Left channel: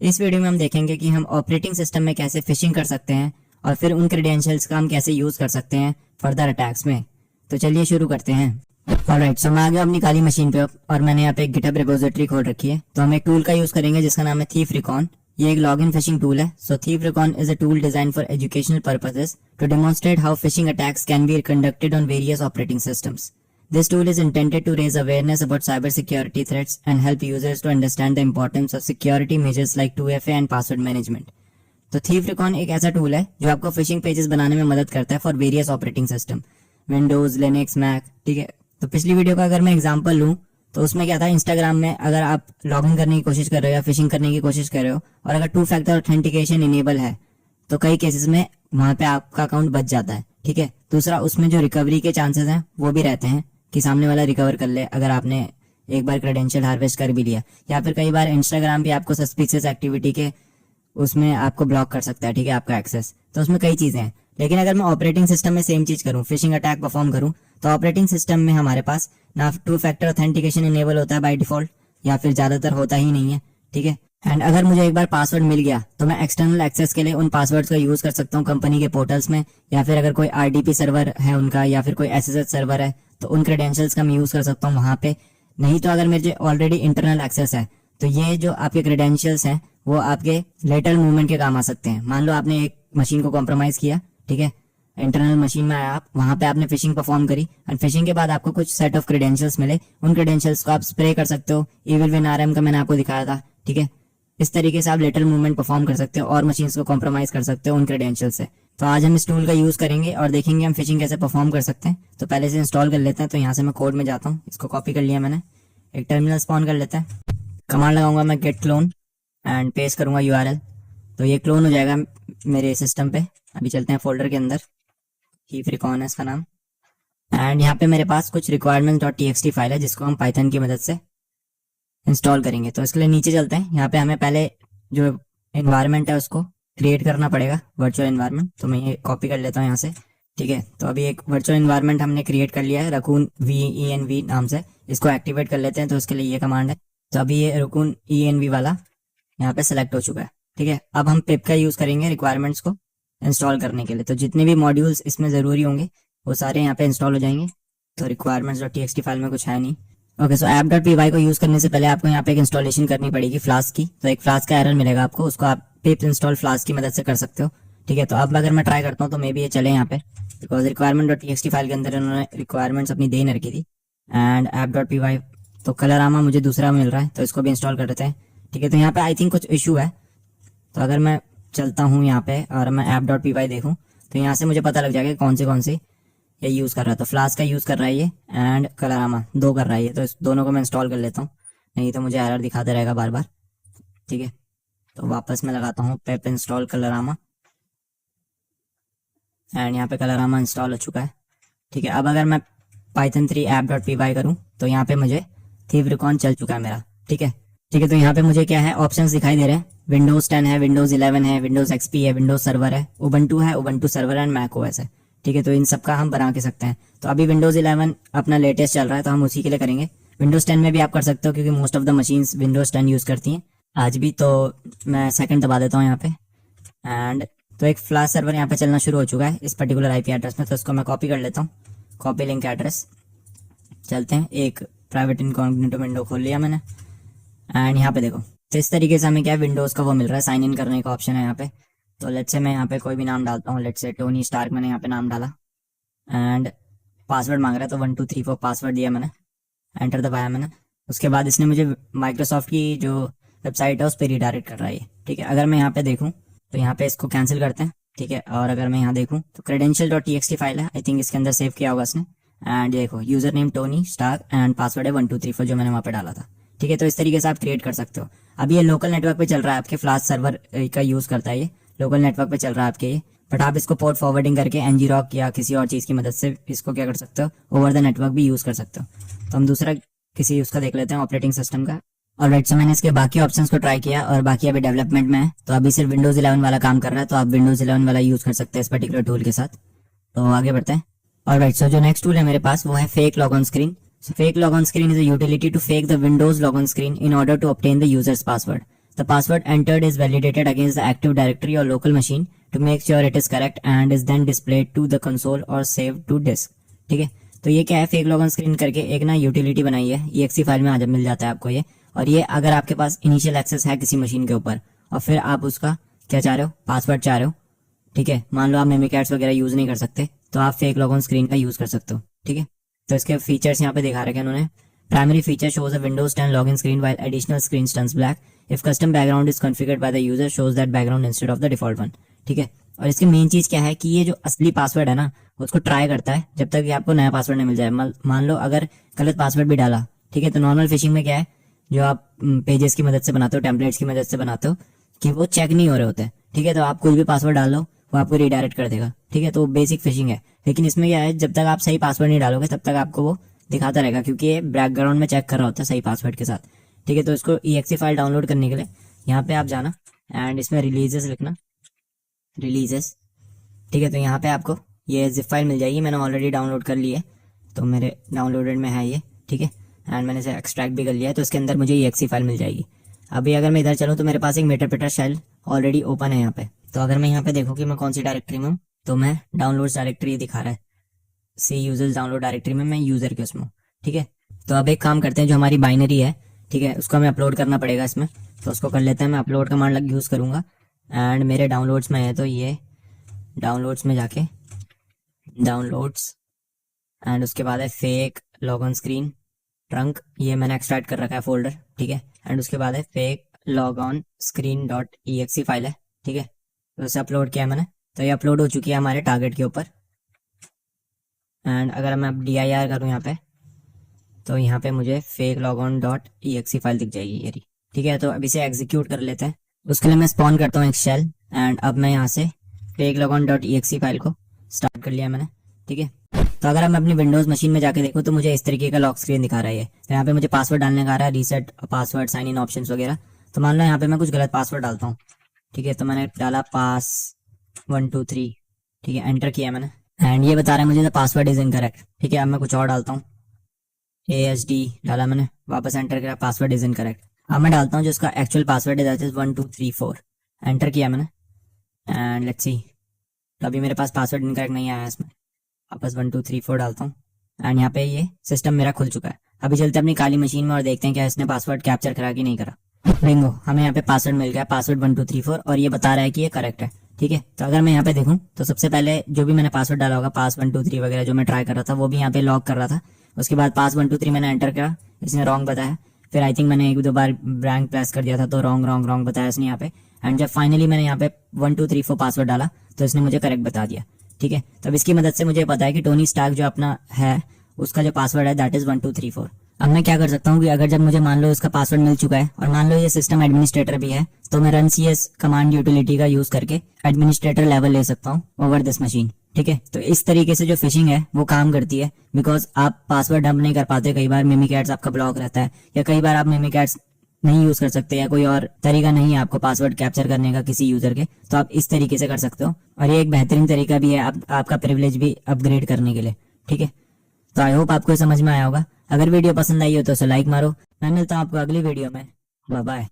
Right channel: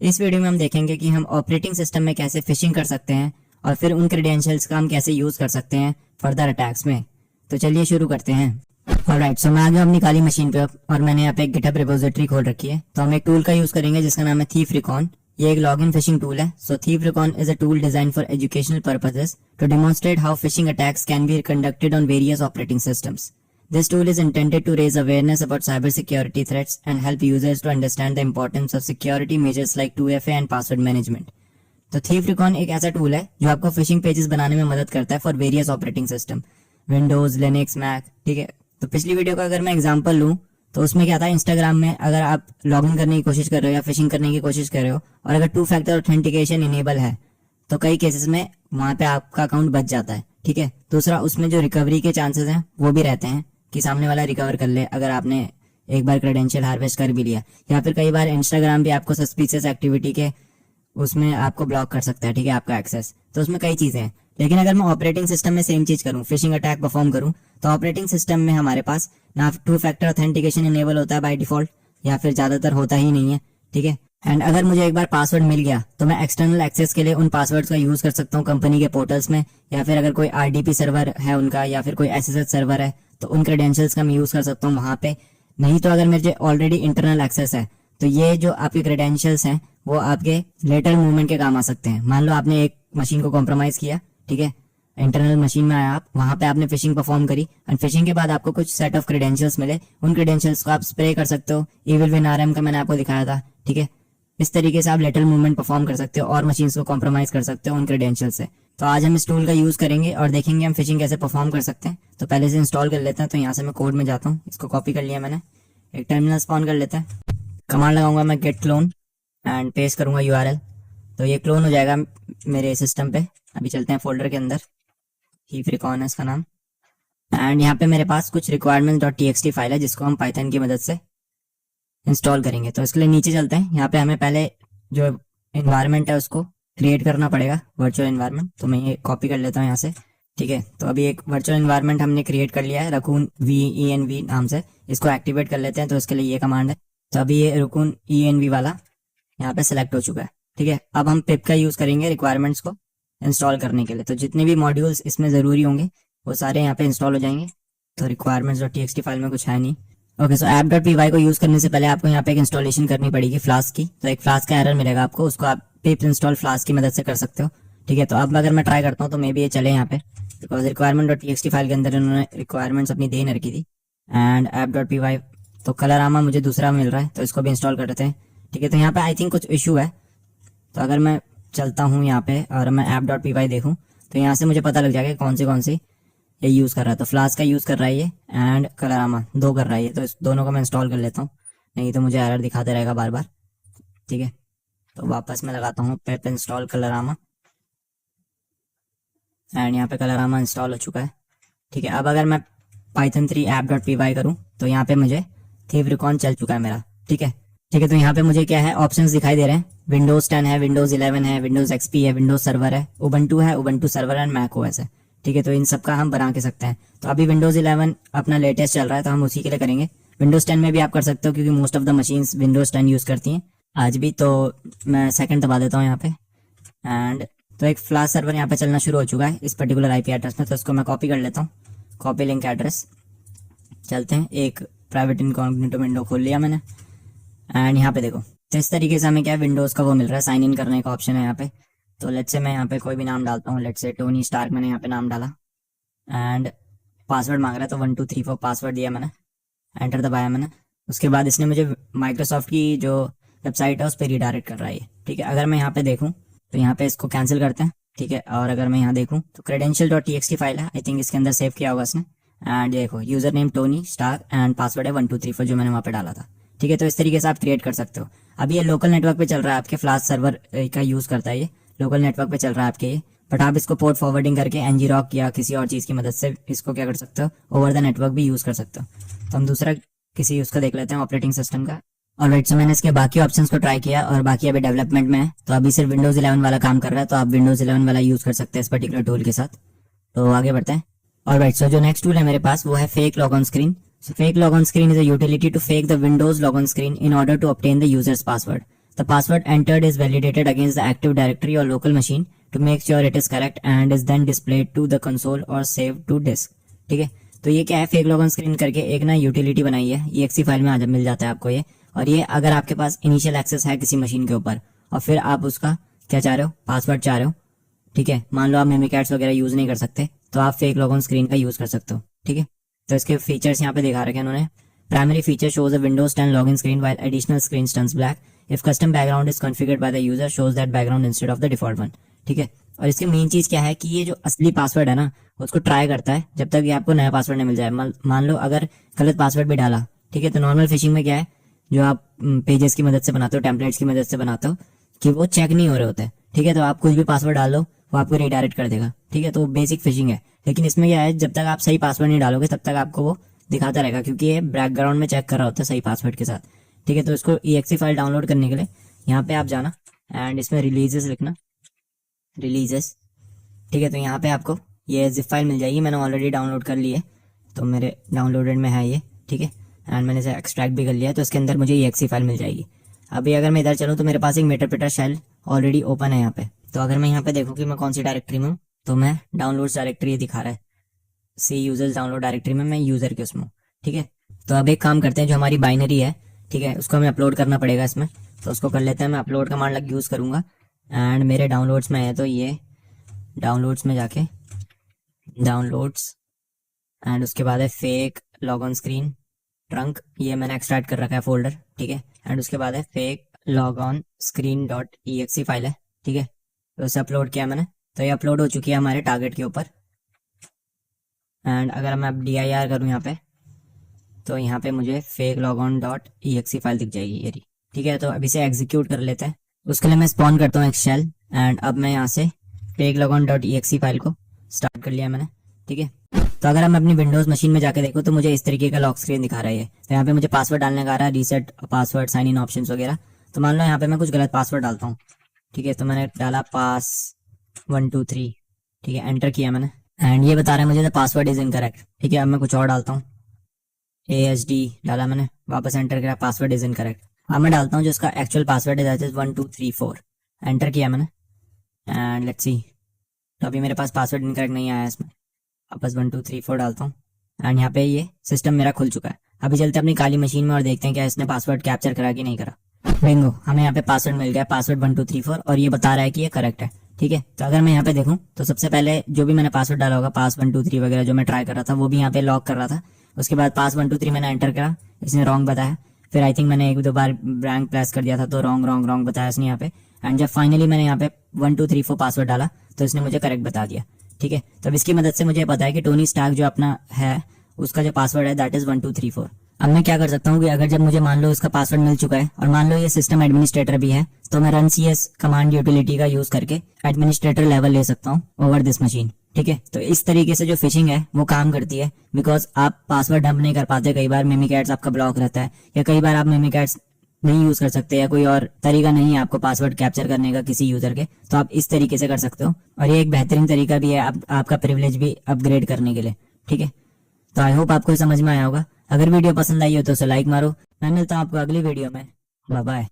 इस वीडियो में हम देखेंगे कि हम ऑपरेटिंग सिस्टम में कैसे फिशिंग कर सकते हैं और फिर उन क्रेडेंशियल्स का हम कैसे यूज कर सकते हैं फर्दर अटैक्स में। तो चलिए शुरू करते हैं। ऑलराइट, सो मैं आ गया अपनी काली मशीन पे और मैंने यहाँ पे एक गिटहब रिपोजिटरी खोल रखी है। तो हम एक टूल का यूज करेंगे जिसका नाम है थीफ रिकॉन। ये एक लॉगिन फिशिंग टूल है। So Thief Recon is a tool design for educational purposes to demonstrate how phishing attacks can be conducted on various operating systems. This tool is intended to raise awareness about cybersecurity threats and help users to understand the importance of security measures like 2FA and password management. तो thief recon एक ऐसा tool है जो आपको fishing pages बनाने में मदद करता है for various operating system, Windows, Linux, Mac. ठीक है, तो पिछली वीडियो का अगर मैं एग्जांपल लूँ तो उसमें क्या था, इंस्टाग्राम में अगर आप लॉगिन करने की कोशिश कर रहे हो या फिशिंग करने की कोशिश कर रहे हो और अगर 2 फैक्टर ऑथेंटिकेशन इनेबल है तो कई केसेस में वहां पे आपका अकाउंट बच जाता है। ठीक है, दूसरा उसमें जो रिकवरी के चांसेस हैं वो भी रहते हैं कि सामने वाला रिकवर कर ले अगर आपने एक बार क्रेडेंशियल हार्वेस्ट कर भी लिया, या फिर कई बार इंस्टाग्राम भी आपको सस्पिशियस एक्टिविटी के उसमें आपको ब्लॉक कर सकता है। ठीक है, आपका एक्सेस। तो उसमें कई चीजें हैं। लेकिन अगर मैं ऑपरेटिंग सिस्टम में सेम चीज करूं, फिशिंग अटैक परफॉर्म करूं, तो ऑपरेटिंग सिस्टम में हमारे पास ना 2 फैक्टर ऑथेंटिकेशन इनेबल होता है बाय डिफॉल्ट, या फिर ज्यादातर होता ही नहीं है। ठीक है, एंड अगर मुझे एक बार पासवर्ड मिल गया तो मैं एक्सटर्नल एक्सेस के लिए उन पासवर्ड्स का यूज कर सकता हूँ कंपनी के पोर्टल्स में, या फिर अगर कोई आरडीपी सर्वर है उनका या फिर कोई एसएसएच सर्वर है तो उन क्रेडेंशियल्स का मैं यूज कर सकता हूँ वहां पे। नहीं तो अगर मेरे ऑलरेडी इंटरनल एक्सेस है तो ये जो आपके क्रेडेंशियल्स हैं वो आपके लेटरल मूवमेंट के काम आ सकते हैं। मान लो आपने एक मशीन को कॉम्प्रोमाइज किया, ठीक है, इंटरनल मशीन में आया आप, वहां पे आपने फिशिंग परफॉर्म करी एंड फिशिंग के बाद आपको कुछ सेट ऑफ क्रेडेंशियल्स मिले। उन क्रेडेंशियल्स को आप स्प्रे कर सकते हो। इविल विन आरएम का मैंने आपको दिखाया था। ठीक है, इस तरीके से आप लेटरल मूवमेंट परफॉर्म कर सकते हो और मशीन्स को कॉम्प्रोमाइज कर सकते हो उन क्रेडेंशियल से। तो आज हम इस टूल का यूज करेंगे और देखेंगे हम फिशिंग कैसे परफॉर्म कर सकते हैं। तो पहले से इंस्टॉल कर लेते हैं। तो यहाँ से मैं कोड में जाता हूँ, इसको कॉपी कर लिया मैंने, एक टर्मिनल स्पॉन कर लेते हैं। कमांड लगाऊंगा मैं गेट क्लोन एंड पेस्ट करूंगा यूआरएल। तो ये क्लोन हो जाएगा मेरे सिस्टम पे। अभी चलते हैं फोल्डर के अंदर, थीफ रिकॉन है इसका नाम, एंड यहाँ पे मेरे पास कुछ requirements.txt फाइल है जिसको हम पाइथन की मदद से इंस्टॉल करेंगे। तो इसके लिए नीचे चलते हैं। यहाँ पे हमें पहले जो एनवायरनमेंट है उसको क्रिएट करना पड़ेगा, वर्चुअल एनवायरनमेंट। तो मैं ये कॉपी कर लेता हूँ यहाँ से। ठीक है, तो अभी एक वर्चुअल एनवायरनमेंट हमने क्रिएट कर लिया है रकून VENV नाम से। इसको एक्टिवेट कर लेते हैं। तो इसके लिए ये कमांड है। तो अभी ये रकून ENV वाला यहाँ पे सिलेक्ट हो चुका है। ठीक है, अब हम पिप का यूज करेंगे रिक्वायरमेंट्स को इंस्टॉल करने के लिए। तो जितने भी मॉड्यूल्स इसमें जरूरी होंगे वो सारे यहाँ पे इंस्टॉल हो जाएंगे। तो requirements.txt फाइल में कुछ है नहीं। ओके, सो app.py को यूज करने से पहले आपको यहाँ पे एक इंस्टॉलेशन करनी पड़ेगी फ्लास्क की। तो एक फ्लास्क का एरर मिलेगा आपको, उसको आप पिप इंस्टॉल फ्लास्क की मदद से कर सकते हो। ठीक है, तो अब अगर मैं ट्राई करता हूँ तो मे बी ये चले यहाँ पे, बिकॉज requirement.txt फाइल के अंदर उन्होंने रिक्वायरमेंट्स अपनी दे रखी थी। एंड app.py तो कलरामा मुझे दूसरा मिल रहा है, तो इसको भी इंस्टॉल कर लेते हैं। ठीक है, तो यहाँ पे आई थिंक कुछ इशू है। तो अगर मैं चलता हूँ यहाँ पे और मैं app.py देखूँ तो यहाँ से मुझे पता लग जाएगा कौन सी ये यूज कर रहा है। तो फ्लास्क का यूज कर रहा है ये, एंड कलरामा 2 कर रहा है ये। तो इस दोनों को मैं इंस्टॉल कर लेता हूँ, नहीं तो मुझे एरर दिखाते रहेगा बार बार। ठीक है, तो वापस मैं लगाता हूँ पिप इंस्टॉल कलरामा, एंड यहाँ पे कलरामा इंस्टॉल हो चुका है। ठीक है, अब अगर मैं python 3 app.py करूँ तो यहाँ पे मुझे थीफ रिकॉन चल चुका है मेरा। ठीक है, तो यहाँ पे मुझे क्या है, ऑप्शंस दिखाई दे रहे हैं। विंडोज 10 है, विंडोज 11 है, विंडोज XP है, विंडोज सर्वर है, उबंटू है, Ubuntu server and Mac OS है। ठीक है, तो इन सब का हम बना के सकते हैं। तो अभी विंडोज 11 अपना लेटेस्ट चल रहा है तो हम उसी के लिए करेंगे। विंडोज 10 में भी आप कर सकते हो क्योंकि most of the machines Windows 10 use करती हैं आज भी। तो मैं सेकंड दबा देता हूँ यहाँ पे, एंड तो एक फ्लाश सर्वर यहाँ पे चलना शुरू हो चुका है इस पर्टिकुलर IP एड्रेस में। तो इसको मैं कॉपी कर लेता हूँ, कॉपी लिंक एड्रेस। चलते हैं, एक प्राइवेट इनकॉग्निटो विंडो खोल लिया मैंने, एंड यहाँ पे देखो। तो इस तरीके से हमें क्या है, विंडोज का वो मिल रहा है, साइन इन करने का ऑप्शन है यहाँ पे। तो लेट्स से मैं यहाँ पे कोई भी नाम डालता हूँ, लेट्स से टोनी स्टार्क मैंने यहाँ पे नाम डाला, एंड पासवर्ड मांग रहा है तो 1 2 3 4 पासवर्ड दिया मैंने, एंटर दबाया मैंने। उसके बाद इसने मुझे माइक्रोसॉफ्ट की जो वेबसाइट है उस पर रिडायरेक्ट कर रहा है। ठीक है, अगर मैं यहाँ पे देखूँ तो यहाँ पे इसको कैंसिल करते हैं। ठीक है, और अगर मैं यहाँ देखूँ तो credential.txt फाइल है, आई थिंक इसके अंदर सेव किया होगा इसने। एंड देखो, user name Tony Stark and password है 1 2 3 4 जो मैंने वहाँ पे डाला था। ठीक है, तो इस तरीके से आप क्रिएट कर सकते हो। अभी ये लोकल नेटवर्क पे चल रहा है, आपके फ्लाश सर्वर का यूज करता है, ये लोकल नेटवर्क पे चल रहा है आपके ये। बट आप इसको पोर्ट फॉरवर्डिंग करके ngrok या किसी और चीज की मदद से इसको क्या कर सकते हो, ओवर द नेटवर्क भी यूज कर सकते हो। तो हम दूसरा किसी उसका देख लेते हैं, ऑपरेटिंग सिस्टम का। ऑलराइट, सो मैंने इसके बाकी ऑप्शंस को ट्राई किया और बाकी अभी डेवलपमेंट में है। तो अभी सिर्फ विंडोज 11 वाला काम कर रहा है, तो आप विंडोज 11 वाला यूज कर सकते हैं इस पर्टिकुलर टूल के साथ। तो आगे बढ़ते हैं। ऑलराइट, सो जो नेक्स्ट टूल है मेरे पास वो है fake log on screen. So fake log on screen is a utility to fake the Windows log on screen in order to obtain the user's password. The password entered is validated against the Active Directory और local machine to make sure it is correct and is then displayed to the console और save to disk. ठीक है, तो ये क्या है, fake login screen करके एक ना यूटिलिटी बनाई है, exe फाइल में आ मिल जाता है आपको ये। और ये अगर आपके पास इनिशियल एक्सेस है किसी मशीन के ऊपर और फिर आप उसका क्या चाह रहे हो, पासवर्ड चाह रहे हो, ठीक है, मान लो आप मेमिकैट्स वगैरह यूज नहीं कर सकते तो आप फेक लॉगिन स्क्रीन का यूज कर सकते हो। ठीक है, तो इसके फीचर्स यहाँ पे दिखा रखे हैं उन्होंने। Primary feature shows a Windows 10 login screen while additional screen turns black if custom background is configured by the user shows that background instead of the default one. ठीक है, और इसकी मेन चीज क्या है कि ये जो असली पासवर्ड है ना उसको ट्राई करता है जब तक ये आपको नया पासवर्ड नहीं मिल जाए। मान लो अगर गलत पासवर्ड भी डाला, ठीक है, तो नॉर्मल फिशिंग में क्या है, जो आप पेजेस की मदद से बनाते हो, टेम्पलेट्स की मदद से बनाते हो, कि वो चेक नहीं हो रहे होते। ठीक है, तो आप कुछ भी पासवर्ड डाल लो वो आपको रिडायरेक्ट कर देगा। ठीक है, तो बेसिक फिशिंग है। लेकिन इसमें क्या है, जब तक आप सही पासवर्ड नहीं डालोगे तब तक आपको वो दिखाता रहेगा, क्योंकि ये बैकग्राउंड में चेक कर रहा होता है सही पासवर्ड के साथ। ठीक है, तो इसको exe फाइल डाउनलोड करने के लिए यहाँ पे आप जाना एंड इसमें रिलीजेस लिखना, रिलीजेस। ठीक है, तो यहाँ पे आपको ये जिप फाइल मिल जाएगी, मैंने ऑलरेडी डाउनलोड कर ली है तो मेरे डाउनलोडेड में है ये। ठीक है, एंड मैंने इसे एक्सट्रैक्ट भी कर लिया है, तो इसके अंदर मुझे exe फाइल मिल जाएगी। अभी अगर मैं इधर चलूँ तो मेरे पास एक मेटरप्रेटर शेल ऑलरेडी ओपन है यहाँ पे। तो अगर मैं यहाँ पे देखूँ कि मैं कौन सी डायरेक्टरी में हूँ, तो मैं डाउनलोड डायरेक्टरी दिखा रहा है, सी यूजर्स डाउनलोड डायरेक्टरी में मैं यूजर के उसमें। ठीक है, तो अब एक काम करते हैं, जो हमारी बाइनरी है, ठीक है, उसको हमें अपलोड करना पड़ेगा इसमें, तो उसको कर लेते हैं। मैं अपलोड कमांड यूज करूंगा एंड मेरे डाउनलोड्स में है, तो ये डाउनलोड्स में जाके डाउनलोड्स एंड उसके बाद है फेक लॉगऑन स्क्रीन ट्रंक, ये मैंने एक्सट्रैक्ट कर रखा है फोल्डर। ठीक है, एंड उसके बाद है fake log on screen dot exe file है। ठीक है, तो उसे अपलोड किया मैंने, तो ये अपलोड हो चुकी है हमारे टारगेट के ऊपर। एंड अगर मैं dir करूँ यहाँ पे, तो यहाँ पे मुझे fake log on dot exe file दिख जाएगी ये रही। ठीक है, तो अब इसे एग्जीक्यूट कर लेते हैं। उसके लिए मैं स्पॉन करता हूँ एक शेल एंड अब मैं यहाँ से fake log on dot exe file को स्टार्ट कर लिया मैंने। ठीक है, तो अगर मैं अपनी विंडोज मशीन में जाके देखूँ तो मुझे इस तरीके का लॉक स्क्रीन दिखा रहा है। तो यहाँ पे मुझे पासवर्ड डालने का आ रहा है, reset password, sign in option वगैरह। तो मान लो यहाँ पे मैं कुछ गलत पासवर्ड डालता हूँ। ठीक है, तो मैंने डाला पास 123। ठीक है, एंटर किया मैंने एंड ये बता रहा है मुझे द पासवर्ड इज इनकरेक्ट। ठीक है, अब मैं कुछ और डालता हूँ, ASD डाला मैंने, वापस एंटर किया, पासवर्ड इज इनकरेक्ट। अब मैं डालता हूँ जो इसका एक्चुअल पासवर्ड है, दैट इज 1234। एंटर किया मैंने एंड लेट्स सी, तो अभी मेरे पास पासवर्ड इनकरेक्ट नहीं आया इसमें। वापस 1234 डालता हूँ एंड यहाँ पे ये सिस्टम मेरा खुल चुका है। अभी चलते अपनी काली मशीन में और देखते हैं क्या इसने पासवर्ड कैप्चर करा कि नहीं करा। बिंगो, हमें यहाँ पे पासवर्ड मिल गया, पासवर्ड 1234, और ये बता रहा है कि ये करेक्ट है। ठीक है, तो अगर मैं यहाँ पे देखूँ तो सबसे पहले जो भी मैंने पासवर्ड डाला होगा, पास 123 वगैरह जो मैं ट्राई कर रहा था, वो भी यहाँ पे लॉक कर रहा था। उसके बाद पास 123 मैंने एंटर करा, इसने रॉन्ग बताया। फिर आई थिंक मैंने एक दो बार ब्लैंक प्रेस कर दिया था, तो रॉन्ग बताया इसने यहाँ पे। एंड जब फाइनली मैंने यहाँ पे 1234 पासवर्ड डाला तो इसने मुझे करेक्ट बता दिया। ठीक है, तो अब इसकी मदद से मुझे पता है कि टोनी स्टार्क जो अपना है उसका जो पासवर्ड है दैट इज 1234। अब मैं क्या कर सकता हूँ कि अगर जब मुझे मान लो इसका पासवर्ड मिल चुका है और मान लो ये सिस्टम एडमिनिस्ट्रेटर भी है, तो मैं रन CS कमांड यूटिलिटी का यूज करके एडमिनिस्ट्रेटर लेवल ले सकता हूँ ओवर दिस मशीन। ठीक है, तो इस तरीके से जो फिशिंग है वो काम करती है, बिकॉज आप पासवर्ड डंप नहीं कर पाते, कई बार मेमिकैट्स आपका ब्लॉक रहता है, या कई बार आप मेमिकैट्स नहीं यूज कर सकते, या कोई और तरीका नहीं है आपको पासवर्ड कैप्चर करने का किसी यूजर के, तो आप इस तरीके से कर सकते हो। और ये एक बेहतरीन तरीका भी है आपका प्रिविलेज भी अपग्रेड करने के लिए। ठीक है, तो आई होप आपको समझ में आया होगा। अगर वीडियो पसंद आई हो तो उसे लाइक मारो। मैं मिलता हूँ आपको अगली वीडियो में, बाय बाय।